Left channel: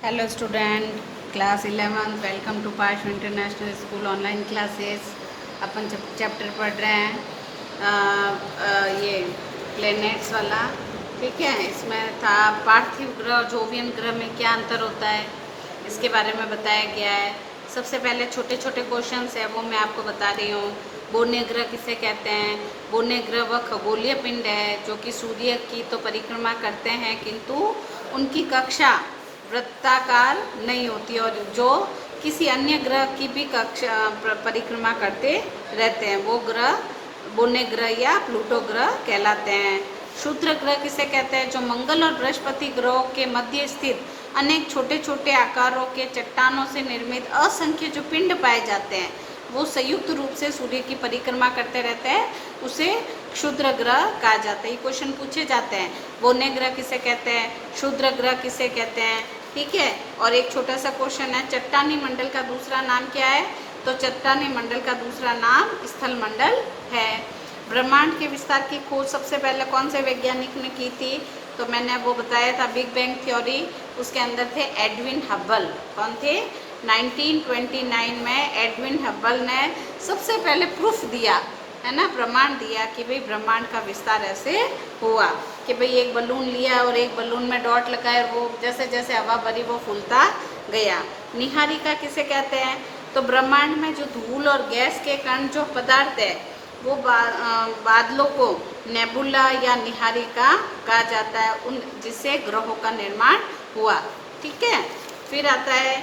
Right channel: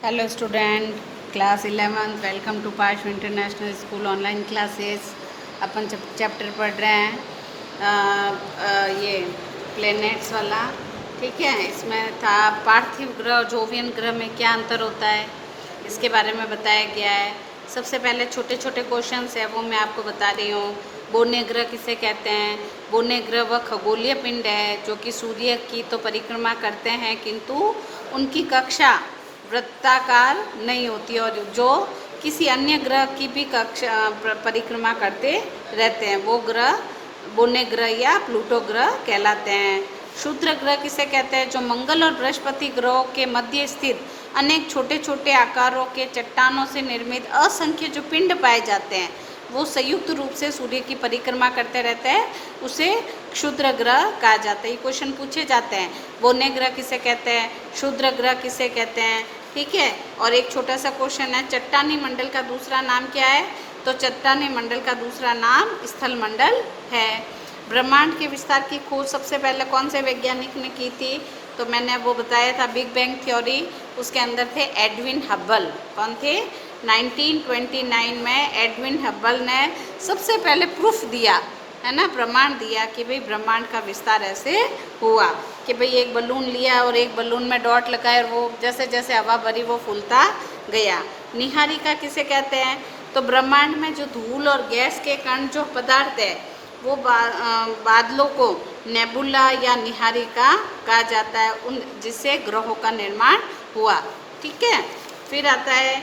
Hello student, class 11 welcome to Parsh international school online classes. अपन chapter पढ़ रहे हैं ये प्लैनेट्स वाला। ठीक है, इसमें था पार्थिव ग्रह और जोवियन ग्रह में क्या अंतर होता है, इसके बारे में बताया गया है। सबसे पहले छोटे छोटे क्वेश्चंस है वो मैं आपको बता रही हूँ। बोर्निय ग्रह किसे कहते हैं? बोर्निय ग्रह वह खगोलीय पिंड है जो कि सूर्य की तो परिक्रमा करते हैं किंतु उनकी कक्षा वृत्ताकार नहीं होती और जो किसी अन्य ग्रह की भी कक्षा परिक्रमा करते रहते हैं वो ग्रह बोर्निय ग्रह या प्लूटो ग्रह कहलाते हैं। क्षुद्र ग्रह किसे कहते हैं? जो मंगल और बृहस्पति ग्रहों के मध्य स्थित अनेक छोटे छोटे आकारों के चट्टानों से निर्मित असंख्य जो पिंड पाए जाते हैं वो संयुक्त रूप से सूर्य की परिक्रमा करते रहते हैं, उसे क्षुद्र ग्रह कहा जाता है। ये क्वेश्चन पूछे जाते हैं। बोर्निय ग्रह किसे कहते हैं? क्षुद्र ग्रह किसे कहते हैं? ठीक है। और एक छोटा सा क्वेश्चन है, चट्टानी मंडल का दूसरा नाम क्या है? तो चट्टानी मंडल का दूसरा नाम स्थल मंडल है। ब्रह्मांड के विस्तार की खोज सबसे पहले कौन से वैज्ञानिक ने की थी? तो मैंने वो बताया था बिग बैंग थ्योरी, उसके अंदर थे एडविन हब्बल। कौन थे? 1929 में एडविन हब्बल ने सबसे पहले प्रूफ दिया, है ना, प्रमाण दिया कि भाई ब्रह्मांड का विस्तार ऐसे हुआ कि भाई एक बलून लिया और एक बलून में डॉट लगाए और वो जैसे जैसे हवा भरी वो फूलता गया। निहारिका किसे कहते हैं? तो ब्रह्मांड में जो धूल और गैस के कण जो पदार्थ है वो बादलों को नेबुला या निहारिका कहा जाता है, उन जिससे ग्रहों का निर्माण हुआ। ठीक है। फिर आता है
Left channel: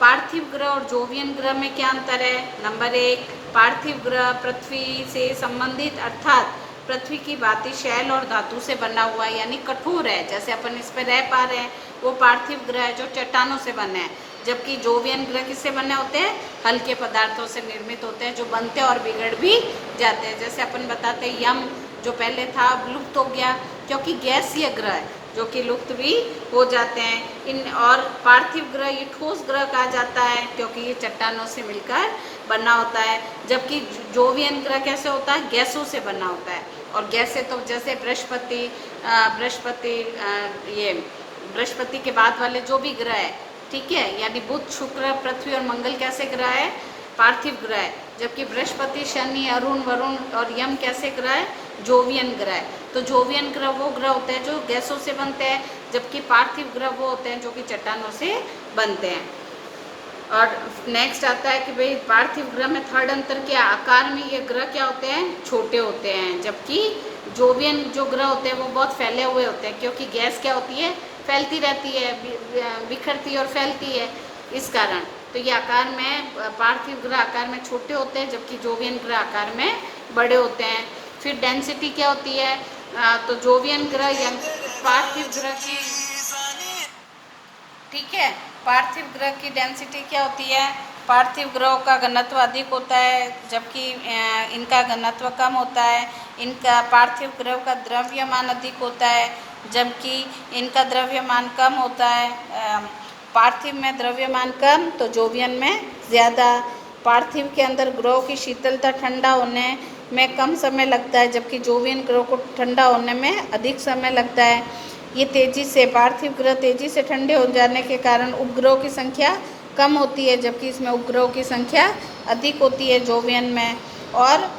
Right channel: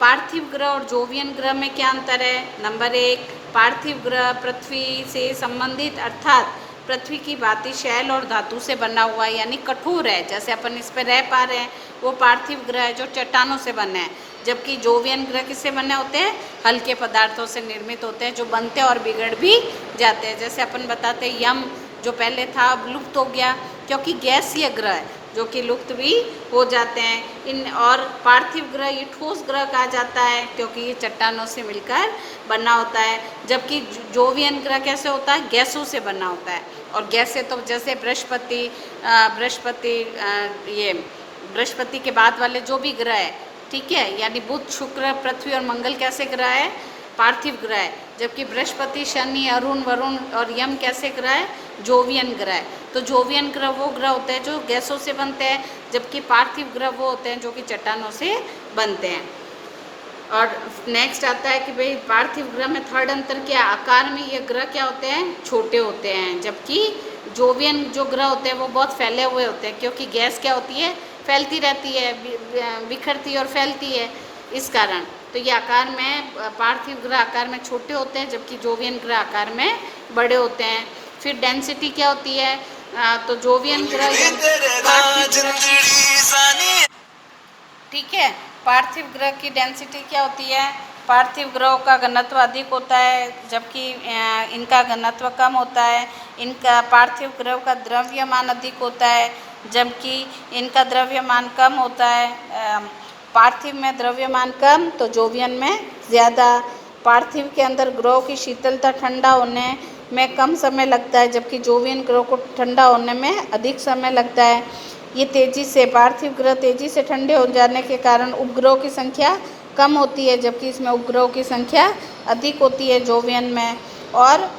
पार्थिव ग्रह और जोवियन ग्रह में क्या अंतर है? नंबर 1, पार्थिव ग्रह पृथ्वी से संबंधित अर्थात पृथ्वी की भांति शैल और धातु से बना हुआ है, यानी कठोर है, जैसे अपन इस पर रह पा रहे हैं। वो पार्थिव ग्रह है जो चट्टानों से बने हैं। जबकि जोवियन ग्रह किससे बने होते हैं? हल्के पदार्थों से निर्मित होते हैं जो बनते और बिगड़ भी जाते हैं। जैसे अपन बताते हैं यम जो पहले था लुप्त हो गया क्योंकि गैसीय ग्रह है जो कि लुप्त भी हो जाते हैं। इन और पार्थिव ग्रह ये ठोस ग्रह कहा जाता है क्योंकि ये चट्टानों से मिलकर बना होता है। जबकि जोवियन ग्रह कैसे होता है? गैसों से बना होता है। और गैसें तो जैसे बृहस्पति ये बृहस्पति के बाद वाले जो भी ग्रह है, ठीक है, यानी बुध शुक्र पृथ्वी और मंगल कैसे ग्रह है? पार्थिव ग्रह है। जबकि बृहस्पति शनि अरुण वरुण और यम कैसे ग्रह है? जोवियन ग्रह है। तो जोवियन ग्रह वो ग्रह होते हैं जो गैसों से बनते हैं, जबकि पार्थिव ग्रह वो होते हैं जो कि चट्टानों से बनते हैं। और नेक्स्ट आता है कि भाई पार्थिव ग्रह में थर्ड अंतर क्या? आकार में ये ग्रह क्या होते हैं? छोटे होते हैं। जबकि जोवियन जो ग्रह होते हैं वो बहुत फैले हुए होते हैं क्योंकि गैस क्या होती है? फैलती रहती है, बिखरती और फैलती है, इस कारण। तो ये आकार में पार्थिव ग्रह आकार में छोटे होते हैं जबकि जोवियन ग्रह आकार में बड़े होते हैं। फिर डेंसिटी क्या होती है? तो जोवियन ग्रह पार्थिव ग्रह, ठीक है, पार्थिव ग्रह की डेंसिटी क्या होती है? पार्थिव ग्रहों का घनत्व अधिक होता है जबकि इनका घनत्व कम होता है। इनका पार्थिव ग्रहों का द्रव्यमान अधिक होता है जबकि इनका द्रव्यमान कम होता है। पार्थिव में द्रव्यमान कम तो जोवियन में ज़्यादा। पार्थिव के अंदर ग्रहों की शीतलता ठंडा होने में कम समय लगता है जबकि जोवियन ग्रहों को ठंडा होने में अधिक समय लगता है। ये तेजी से पार्थिव ग्रह तेजी से ठंडे हो जाने के कारण उपग्रहों की संख्या कम होती है जबकि इसमें उपग्रहों की संख्या अधिक होती है जोवियन में। और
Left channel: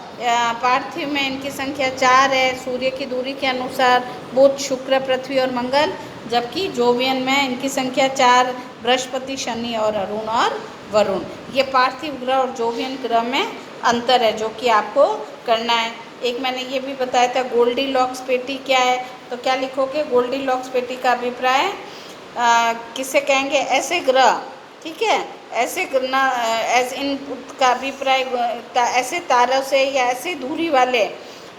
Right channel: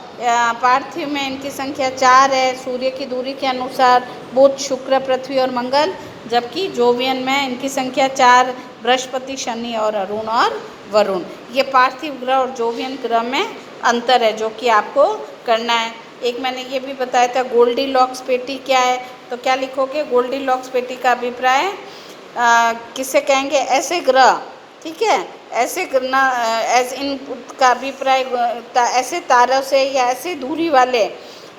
पार्थिव में इनकी संख्या 4 है सूर्य की दूरी के अनुसार, बुध शुक्र पृथ्वी और मंगल। जबकि जोवियन में इनकी संख्या 4 बृहस्पति शनि और अरुण और वरुण। ये पार्थिव ग्रह और जोवियन ग्रह में अंतर है जो कि आपको करना है। एक मैंने ये भी बताया था गोल्डी लॉक्स पेटी क्या है, तो क्या लिखोगे? गोल्डी लॉक्स पेटी का अभिप्राय किससे कहेंगे? ऐसे ग्रह, ठीक है, ऐसे इनका अभिप्राय ऐसे तारों से या ऐसे दूरी वाले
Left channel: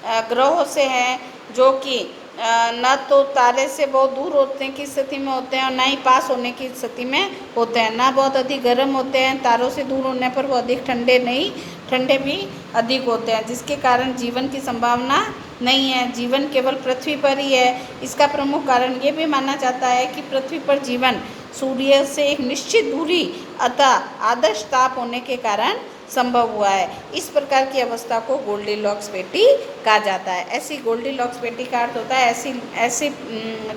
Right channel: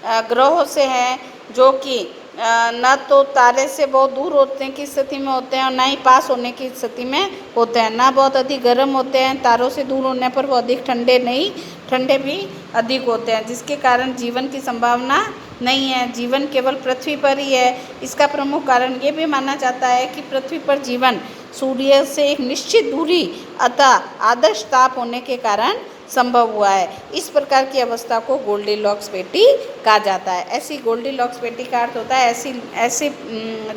ग्रहों से हैं जो कि न तो तारे से बहुत दूर होने की स्थिति में होते हैं और ना ही पास होने की स्थिति में होते हैं, ना बहुत अधिक गर्म होते हैं, तारों से दूर होने पर वो अधिक ठंडे नहीं, ठंडे भी अधिक होते हैं, जिसके कारण जीवन की संभावना नहीं है। जीवन केवल पृथ्वी पर ही है। इसका प्रमुख कारण ये भी माना जाता है कि पृथ्वी पर जीवन सूर्य से एक निश्चित दूरी अतः आदर्श ताप होने के कारण संभव हुआ है। इस प्रकार की अवस्था को गोल्डीलॉक्स पेटी कहा जाता है। ऐसी गोल्डीलॉक्स पेटी का अर्थ होता है ऐसी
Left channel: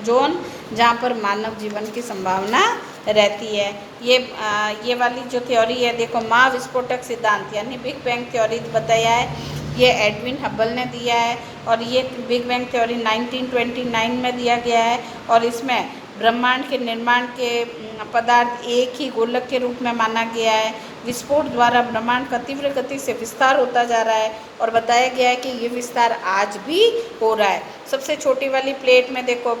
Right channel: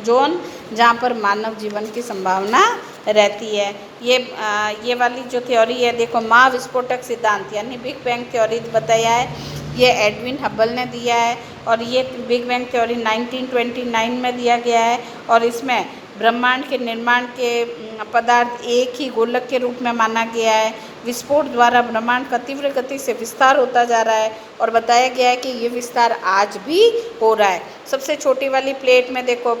जोन जहाँ पर मानव जीवन की संभावना रहती है। ये वाली जो थ्योरी है, देखो महाविस्फोटक सिद्धांत यानी बिग बैंग थ्योरी बताया है, ये एडविन हबल ने दिया है और ये बिग बैंग थ्योरी 1929 में दिया गया है। और इसमें ब्रह्मांड के निर्माण के पदार्थ एक ही गोलक के रूप में माना गया है। विस्फोट द्वारा ब्रह्मांड का तीव्र गति से विस्तार होता जा रहा है और बताया गया है कि ये विस्तार आज भी हो रहा है। सबसे छोटी वाली प्लेट में देखो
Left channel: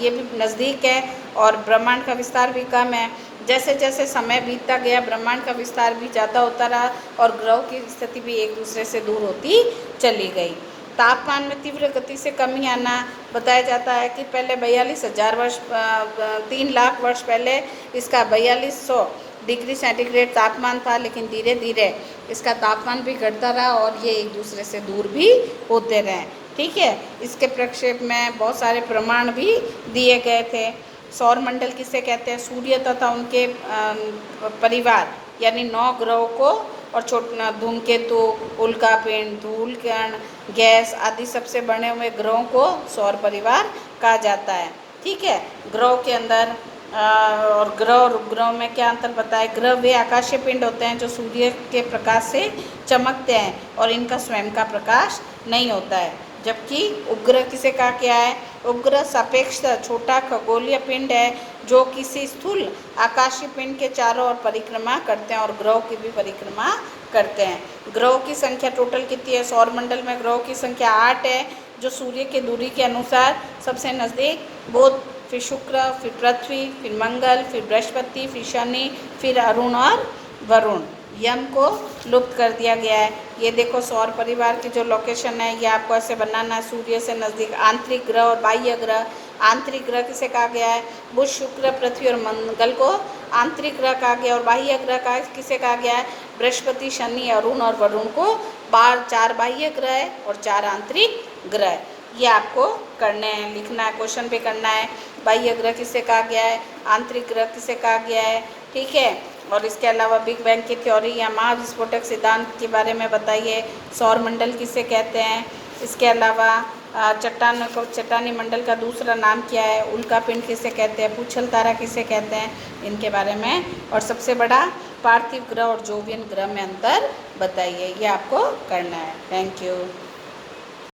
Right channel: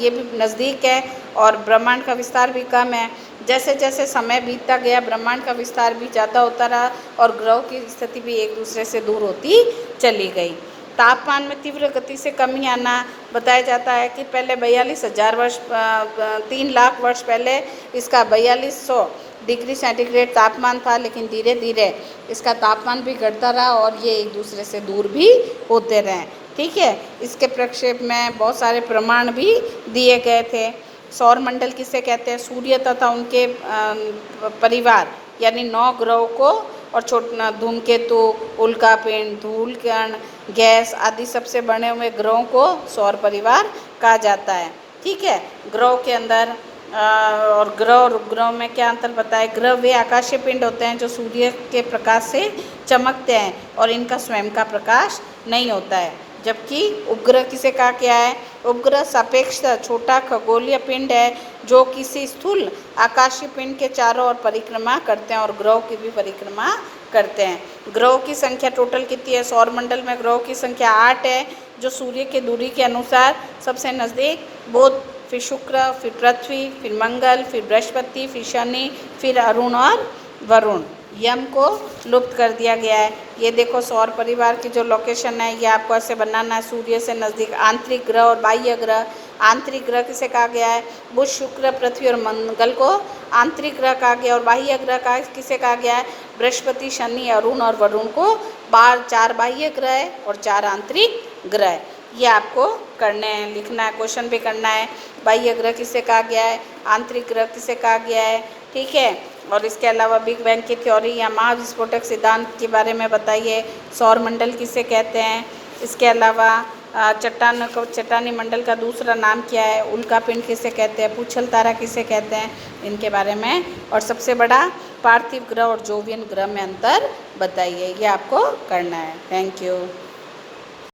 ये भी नज़दीक है और ब्रह्मांड का विस्तार भी कम है। जैसे जैसे समय बीतता गया ब्रह्मांड का विस्तार भी ज़्यादा होता रहा और ग्रहों की स्थिति भी एक दूसरे से दूर होती चली गई। तापमान में तीव्र गति से कमी आना बताया जाता है कि पहले 42,000 वर्ष 3 लाख वर्ष पहले इसका 4200 डिग्री सेंटीग्रेड तापमान था, लेकिन धीरे धीरे इसका तापमान भी घटता रहा और ये एक दूसरे से दूर भी होते रहे। ठीक है, इसके प्रक्षेप में बहुत सारे प्रमाण भी दिए गए थे। सौर मंडल किसे कहते हैं? सूर्य तथा उनके परिवार यानी 9 ग्रहों को और छोटा धूमकेतु, उल्कापिंड, धूल कण, गैस आदि सबसे बने हुए ग्रहों को सौर परिवार कहा जाता है। ठीक है, ग्रहों के अंदर और ग्रह और उपग्रह में क्या अंतर बताए? ग्रह वे आकाशीय पिंड होते हैं जो सूर्य के प्रकाश से चमकते हैं और इनका स्वयं का प्रकाश नहीं होता है। जबकि उपग्रह किसे कहा गया है? उपग्रह सापेक्ष छोटा खगोलीय पिंड है जो किसी स्थूल आकाशीय पिंड के चारों ओर परिक्रमा करते हैं और ग्रहों की भी परिक्रमा करते हैं। ग्रहों की संख्या टोटल कितनी है? सौर मंडल में ग्रहों की संख्या 8 है, जो सूर्य की दूरी के अनुसार सबसे नज़दीक बुध, फिर शुक्र, फिर पृथ्वी, फिर मंगल, फिर बृहस्पति, फिर शनि, फिर अरुण और वरुण। यम को लुप्त कर दिया गया है। ये देखो सौर परिवार की जो लोकेशन है ये आपको ऐसे बनाना है, सूर्य से नज़दीक आंतरिक ग्रह और बाह्य ग्रह। आंतरिक ग्रह किसे कहा गया है? बुध, शुक्र, पृथ्वी और मंगल को आंतरिक ग्रह कहा गया और बाह्य ग्रह का किसे कहा गया है? बृहस्पति, शनि, अरुण और वरुण को 4 बाह्य ग्रह और 4 आंतरिक ग्रह। ये आपको करना है, लिखना है, क्वेश्चन भी करना है। बाह्य ग्रह किसे कहा गया है? आंतरिक ग्रह किसे कहा गया है? ठीक है, और इसके अलावा बिग बैंग की थ्योरी या महाविस्फोटक सिद्धांत के बारे में बताइए। सौर मंडल किसे कहते हैं? इसके अलावा चट्टानी मंडल का दूसरा नाम क्या है? उल्कापिंड किसे कहते हैं? पूछल तारा किसे कहते हैं? इनके बारे में। और सबसे बड़ा पार्थिव ग्रह और जोवियन ग्रह में अंतर बताइए। ये आपको करना है। Thank you.